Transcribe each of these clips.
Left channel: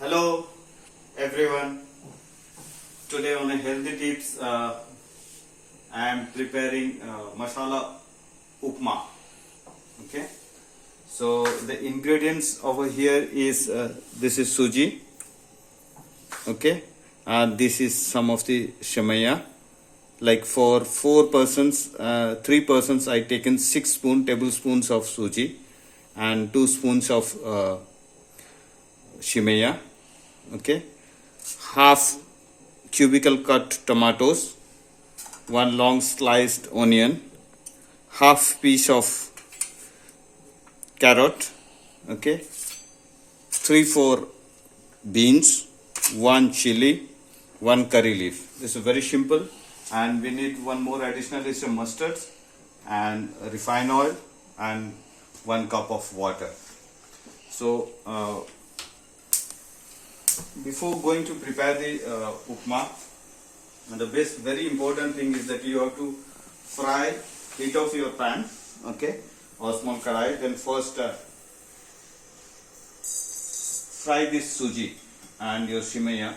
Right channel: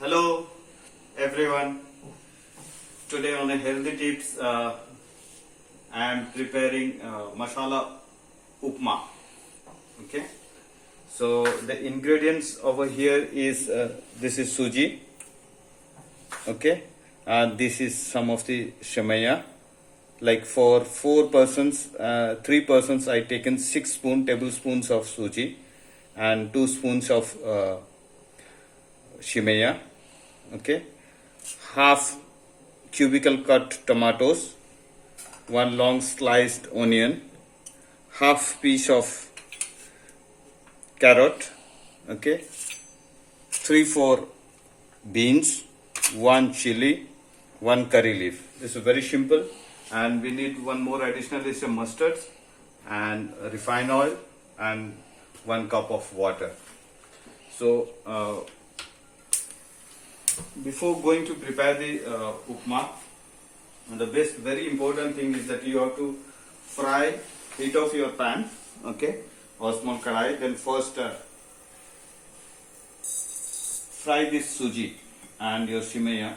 Hello everyone. Today on a healthy tips, I am preparing masala upma. Okay. So the ingredients over here is this is suji. Okay, and this is some of the shamaya. Like for 4 persons, 3 persons, I taken 6 tablespoons of suji and 2 spoons of shimaya. Okay, half cubical cut tomatoes, 1 long sliced onion, half piece of carrot. Okay, 3-4 beans, 1 chili, 1 curry leaf. This is very simple, and we need one more additional is a mustard and refined oil and 1 cup of water. So before going to prepare the upma, the best very important thing is that you have to heat off your pan, okay, or small karai. Then first fry this suji and your shimaya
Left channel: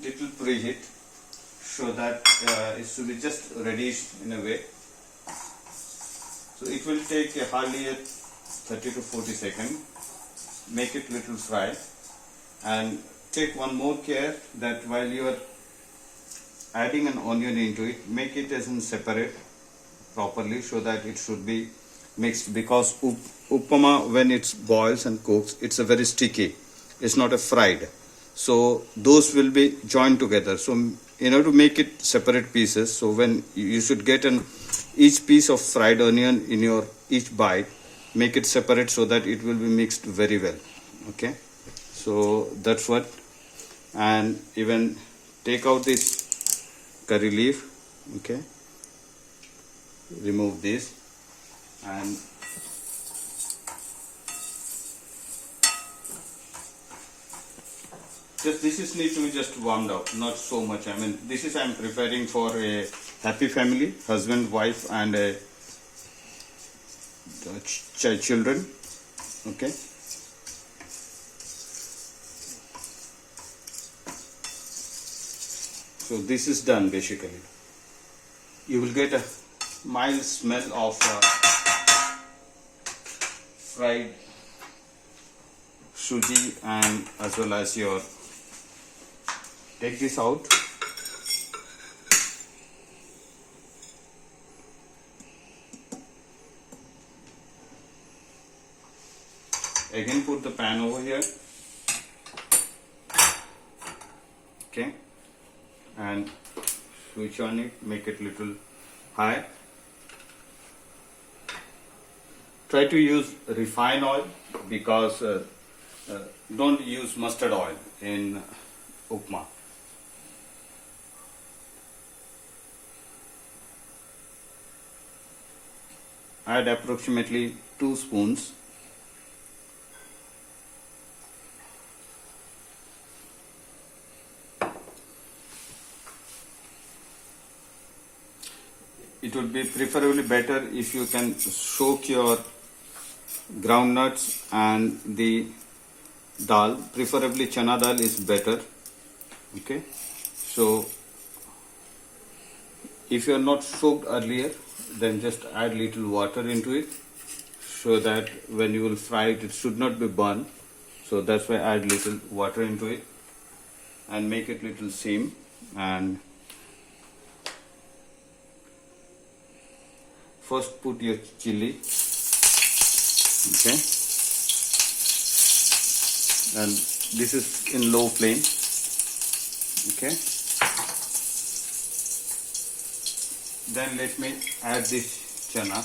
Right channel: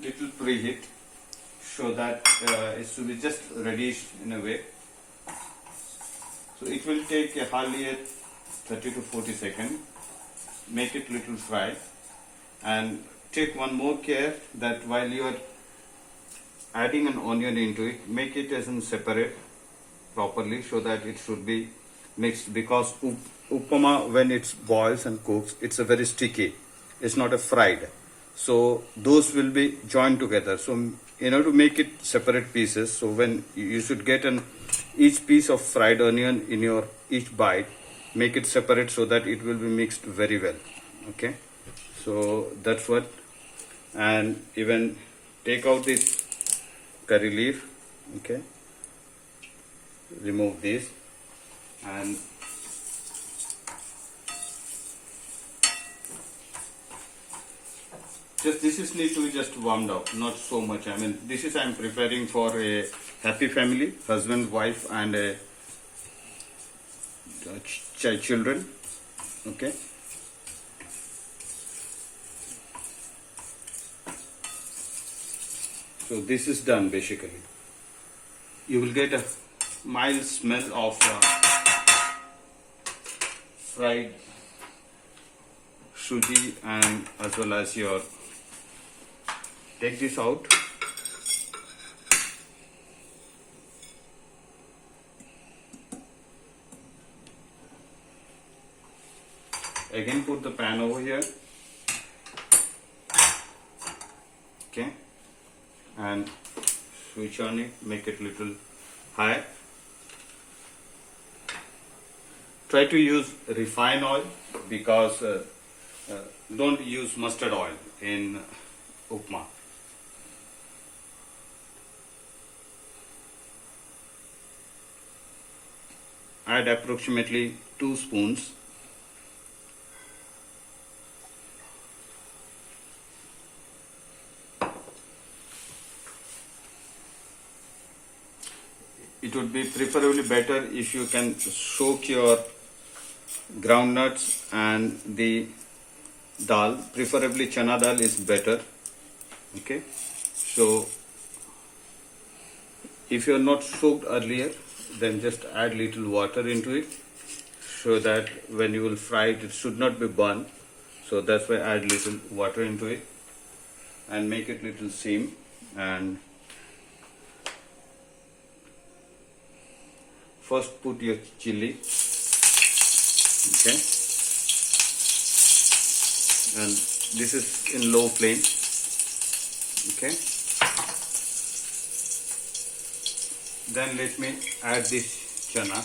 little preheat so that it should be just reddish in a way. So it will take hardly 30 to 40 seconds. Make it little fry, and take one more care that while you are adding an onion into it, make it as in separate properly so that it should be mixed, because upama when it boils and cooks, it's a very sticky, it's not a fried, so those will be joined together. So in order to make it separate pieces, so when you should get each piece of fried onion in your each bite, make it separate so that it will be mixed very well. Okay, so that's what. And even take out this curry leaf, okay, remove this, and just this is need to be just warmed up, not so much. I mean, this is I am preparing for a happy family, husband, wife, and children. Okay. So this is done basically. You will get a mild smell of fried suji, and as well as your, take this out. Again put the pan over here. Okay, and switch on it, make it little high. Try to use refined oil, because don't use mustard oil in upma. Add approximately 2 spoons. It would be preferably better if you can soak your groundnuts and the dal, preferably chana dal is better. Okay, so if you are not soaked earlier, then just add little water into it so that when you will fry it, it should not be burned. So that's why add little water into it and make it little steam. And first put your chili, okay, and this is in low flame. Okay, then let me add this chana.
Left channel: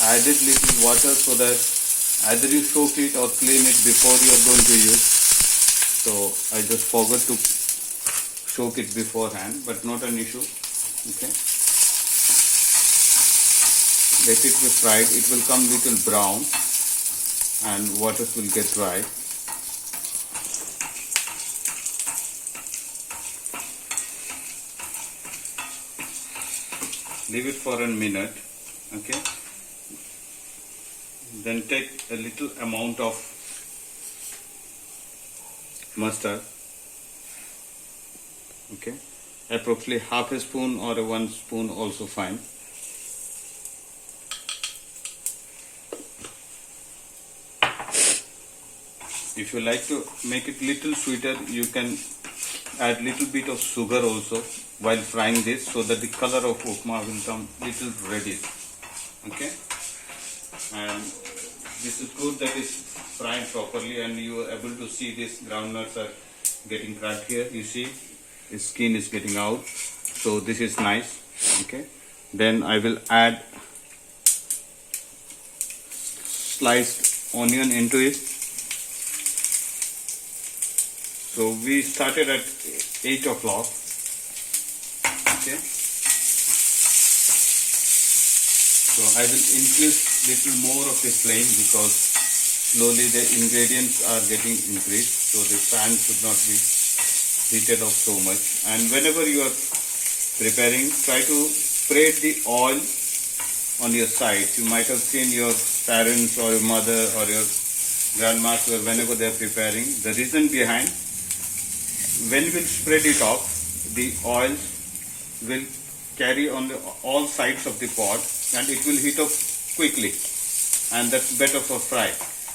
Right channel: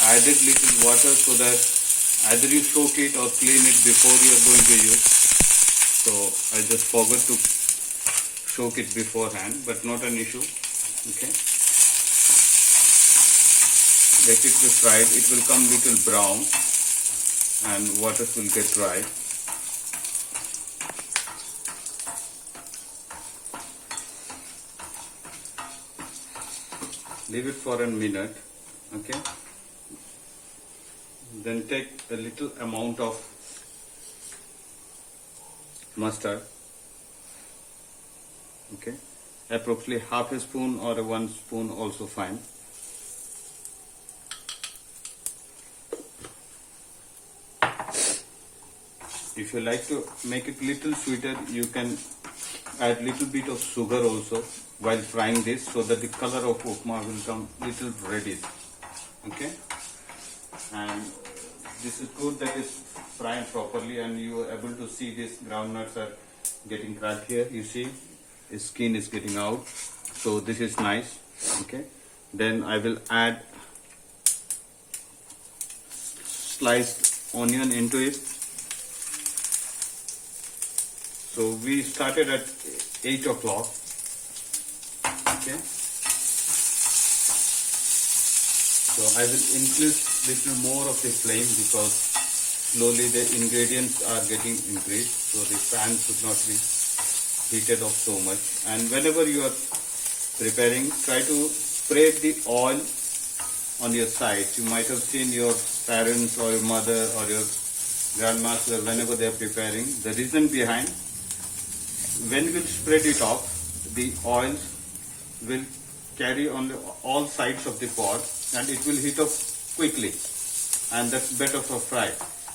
Added little water so that either you soak it or clean it before you are going to use. So I just forgot to soak it beforehand, but not an issue. Okay, let it be fried. It will come little brown and water will get dry. Leave it for a minute. Okay, Then take a little amount of mustard, okay, approximately half a spoon or 1 spoon also fine. If you like to make it little sweeter, you can add little bit of sugar also while frying this, so that the color of upma will come little reddish. Okay, and this is good that is fried properly, and you are able to see these groundnuts are getting cracked here. You see, the skin is getting out, so this is nice. Okay, then I will add sliced onion into it. So we started at 8 o'clock. Okay. So I will increase little more of the flame because slowly the ingredients are getting increased. So the pan should not be heated up so much. And whenever you are preparing, try to spread the oil on your sides. You might have seen your parents or your mother or your grandmaster whenever they are preparing. The reason behind, when you spread it off, the oils will carry on all sides of the pot and it will heat up quickly, and that's better for fry.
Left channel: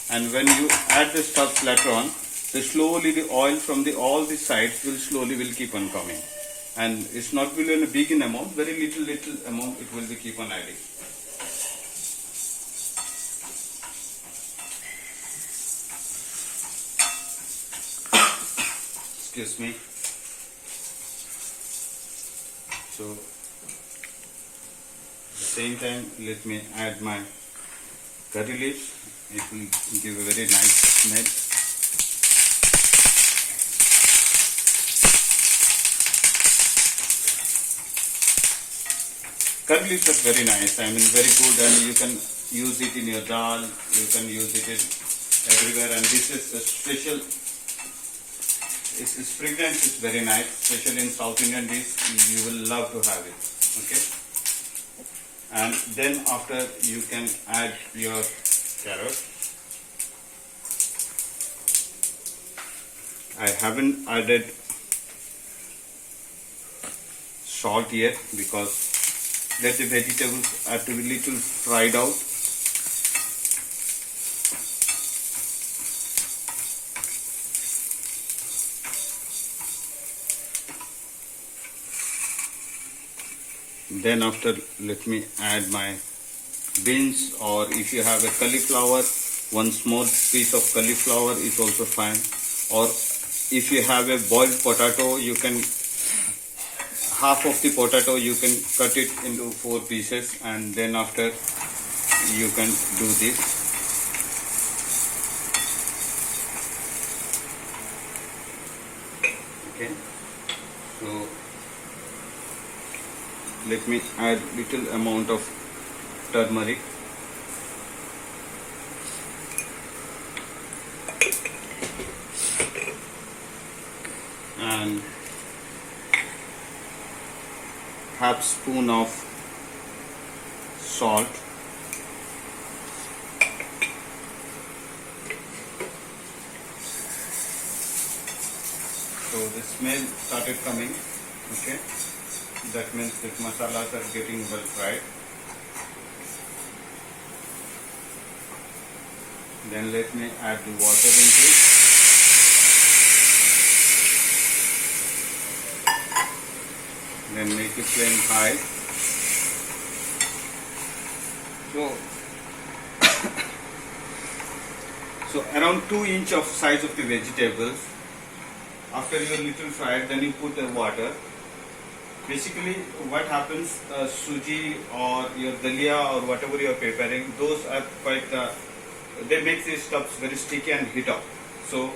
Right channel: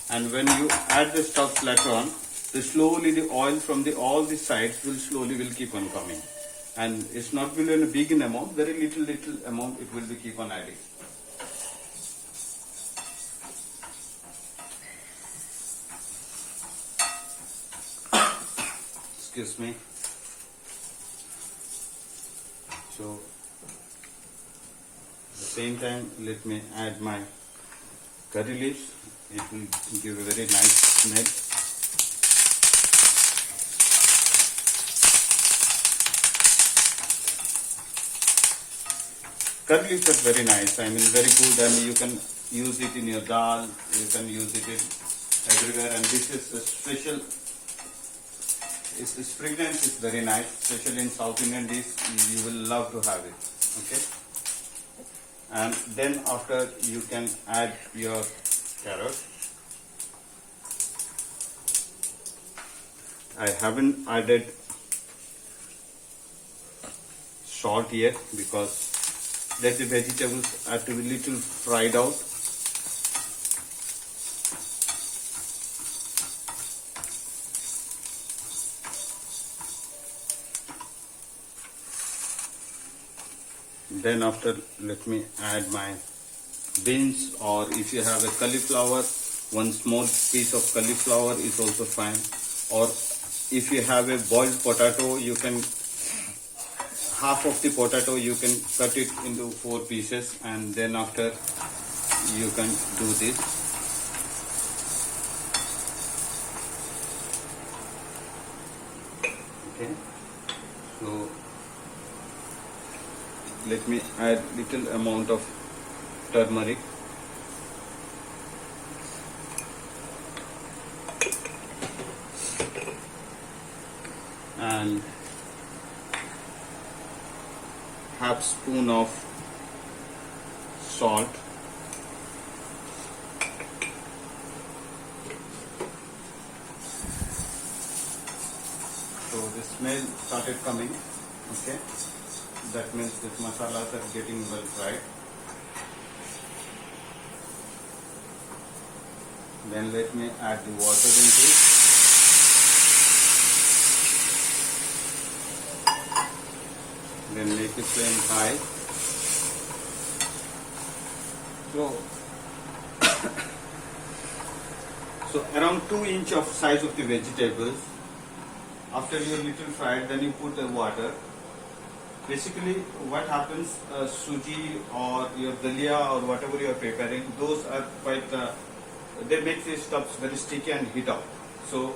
And when you add the stuff later on, slowly the oil from all the sides will keep on coming, and it's not really in a big amount, very little amount it will be keep on adding. Excuse me. So at the same time, let me add my curry leaves. It will give a very nice smell. Curry leaves are very nice. I mean, very good, and you can use it in your dal. You can use it everywhere. And this is a special. Its fragrance is very nice, especially in South Indian dish. You will love to have it. Okay. And then after you can add your carrot. I haven't added salt yet because let the vegetables are to be little fried out. Then after, let me add my beans, or if you have a cauliflower, 1 small piece of cauliflower is also fine. Or if you have a boiled potato, you can half of the potato you can cut it into 4 pieces, and then after you can do this. Okay, so let me add little amount of turmeric. And half spoon of salt. So the smell started coming. Okay, that means that masalas are getting well fried. Then let me add the water into it. Then make the flame high. So around 2 inch of size of the vegetables. After you little fried, then you put the water. Basically, what happens, suji or your dalia or whatever you are preparing, those are quite, they make these stuffs very sticky and heat up. So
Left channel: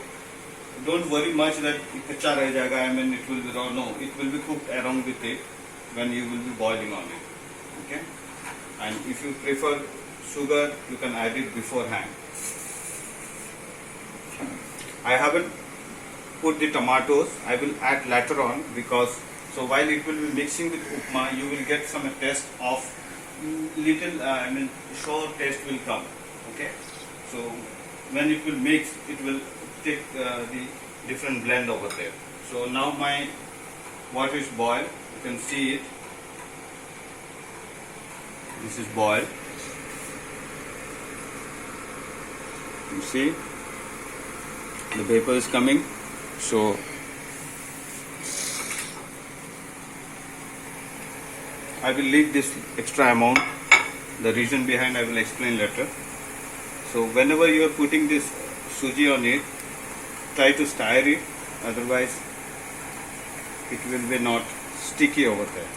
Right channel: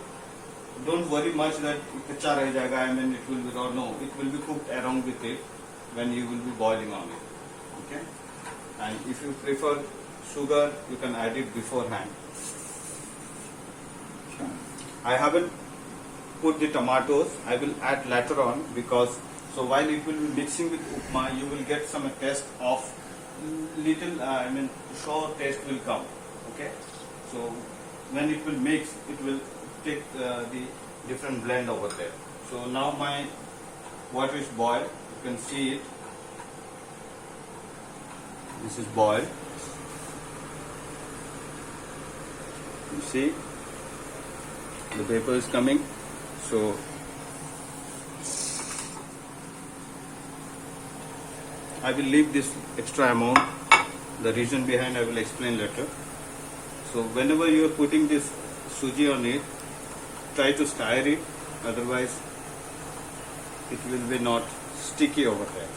don't worry much that kacha reh jayega, I mean it will be raw. No, it will be cooked along with it when you will be boiling on it. Okay, and if you prefer sugar, you can add it beforehand. I haven't put the tomatoes. I will add later on, because so while it will be mixing with upma, you will get some taste of little, I mean sour taste will come. Okay, so when it will mix, it will take the different blend over there. So now my water is boiled. You can see it. This is boiled. You see the vapor is coming. So I will leave this extra amount. The reason behind I will explain later. So whenever you are putting this suji on it, try to stir it, otherwise it will be not sticky over there.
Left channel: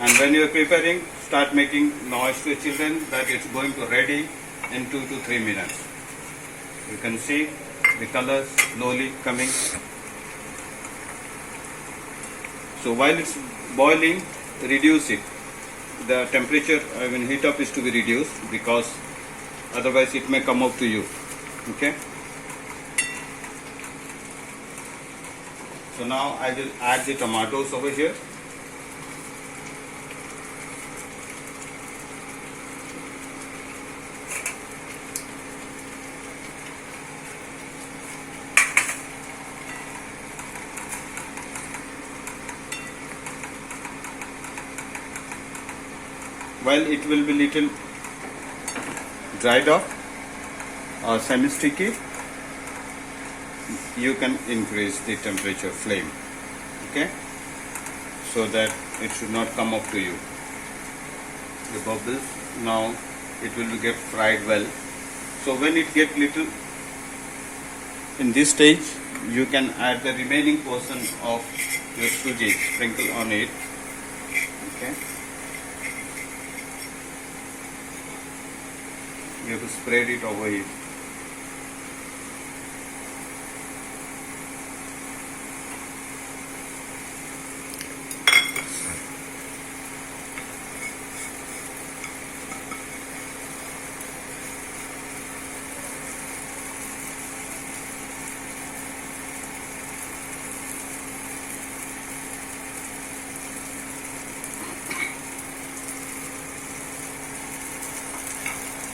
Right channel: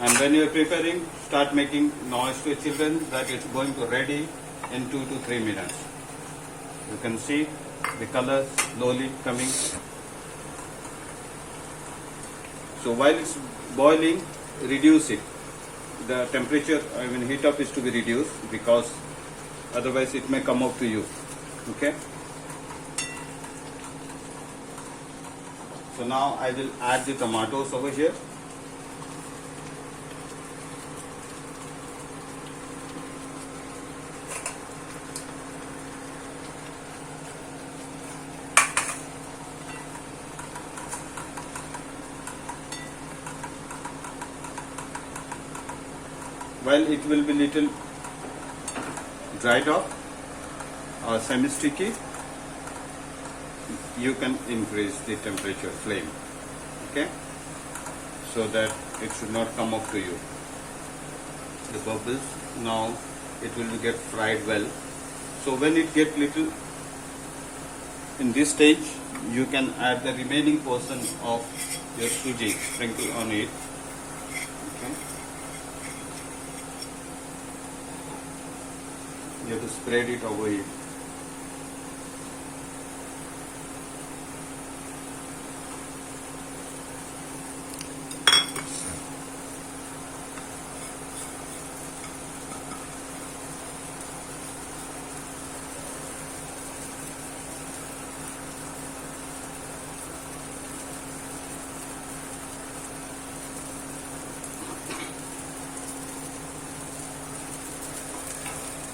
And when you are preparing, start making noise to children that it's going to ready in 2 to 3 minutes. You can see the color slowly coming. So while it's boiling, reduce it. The temperature, heat up is to be reduced, because otherwise it may come up to you. Okay. So now I will add the tomatoes over here. While it will be little dried off or semi-sticky, you can increase the temperature flame, okay, so that it should not come up to you. The bubbles, now it will get fried well. So when it get little in this stage, you can add the remaining portion of your suji, sprinkle on it. Okay. You have to spread it over here.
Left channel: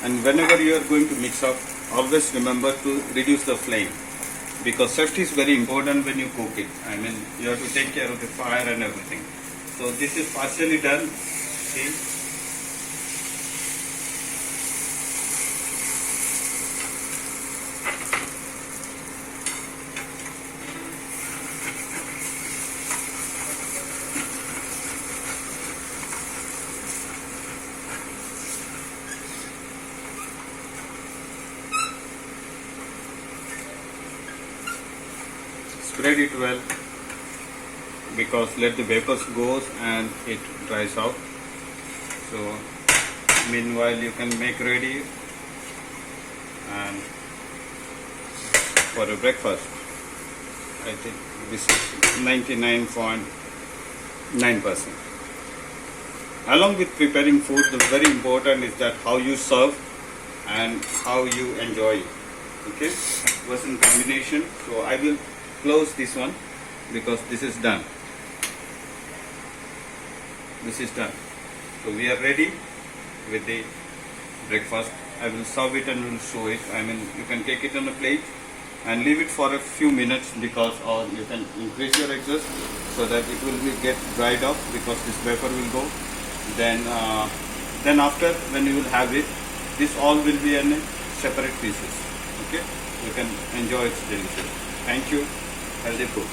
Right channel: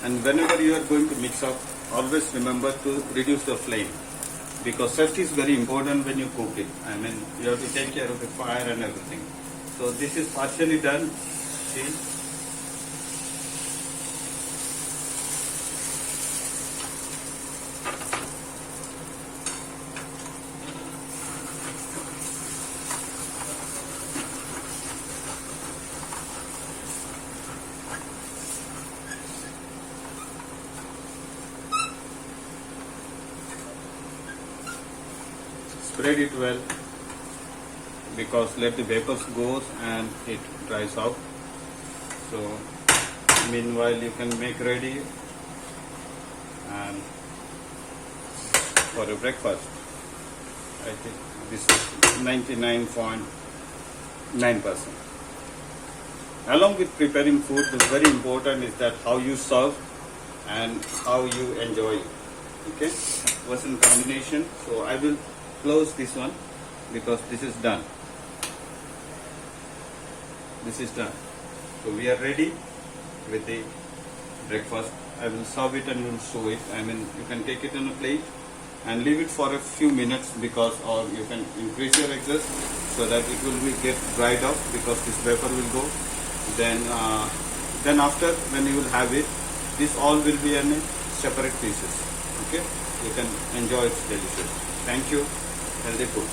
And whenever you are going to mix up, always remember to reduce the flame, because safety is very important when you cook it. You have to take care of the fire and everything. So this is partially done. See? Spread it well, because let the vapors go and it dries out. So meanwhile you can make ready and for a breakfast. I think this is 99.9%. Along with preparing food, the very important is that how you serve and how you enjoy it. Okay, was in combination. So I will close this one because this is done. This is done. So we are ready with the breakfast. I will serve it and will show it. You can take it on a plate and leave it for a few minutes, because or you can increase your exhaust so that it will get dried off, because this vapor will go. Then after, when you will have it, this all will be in separate pieces. Okay, you can enjoy it delicious. Thank you. Healthy foods.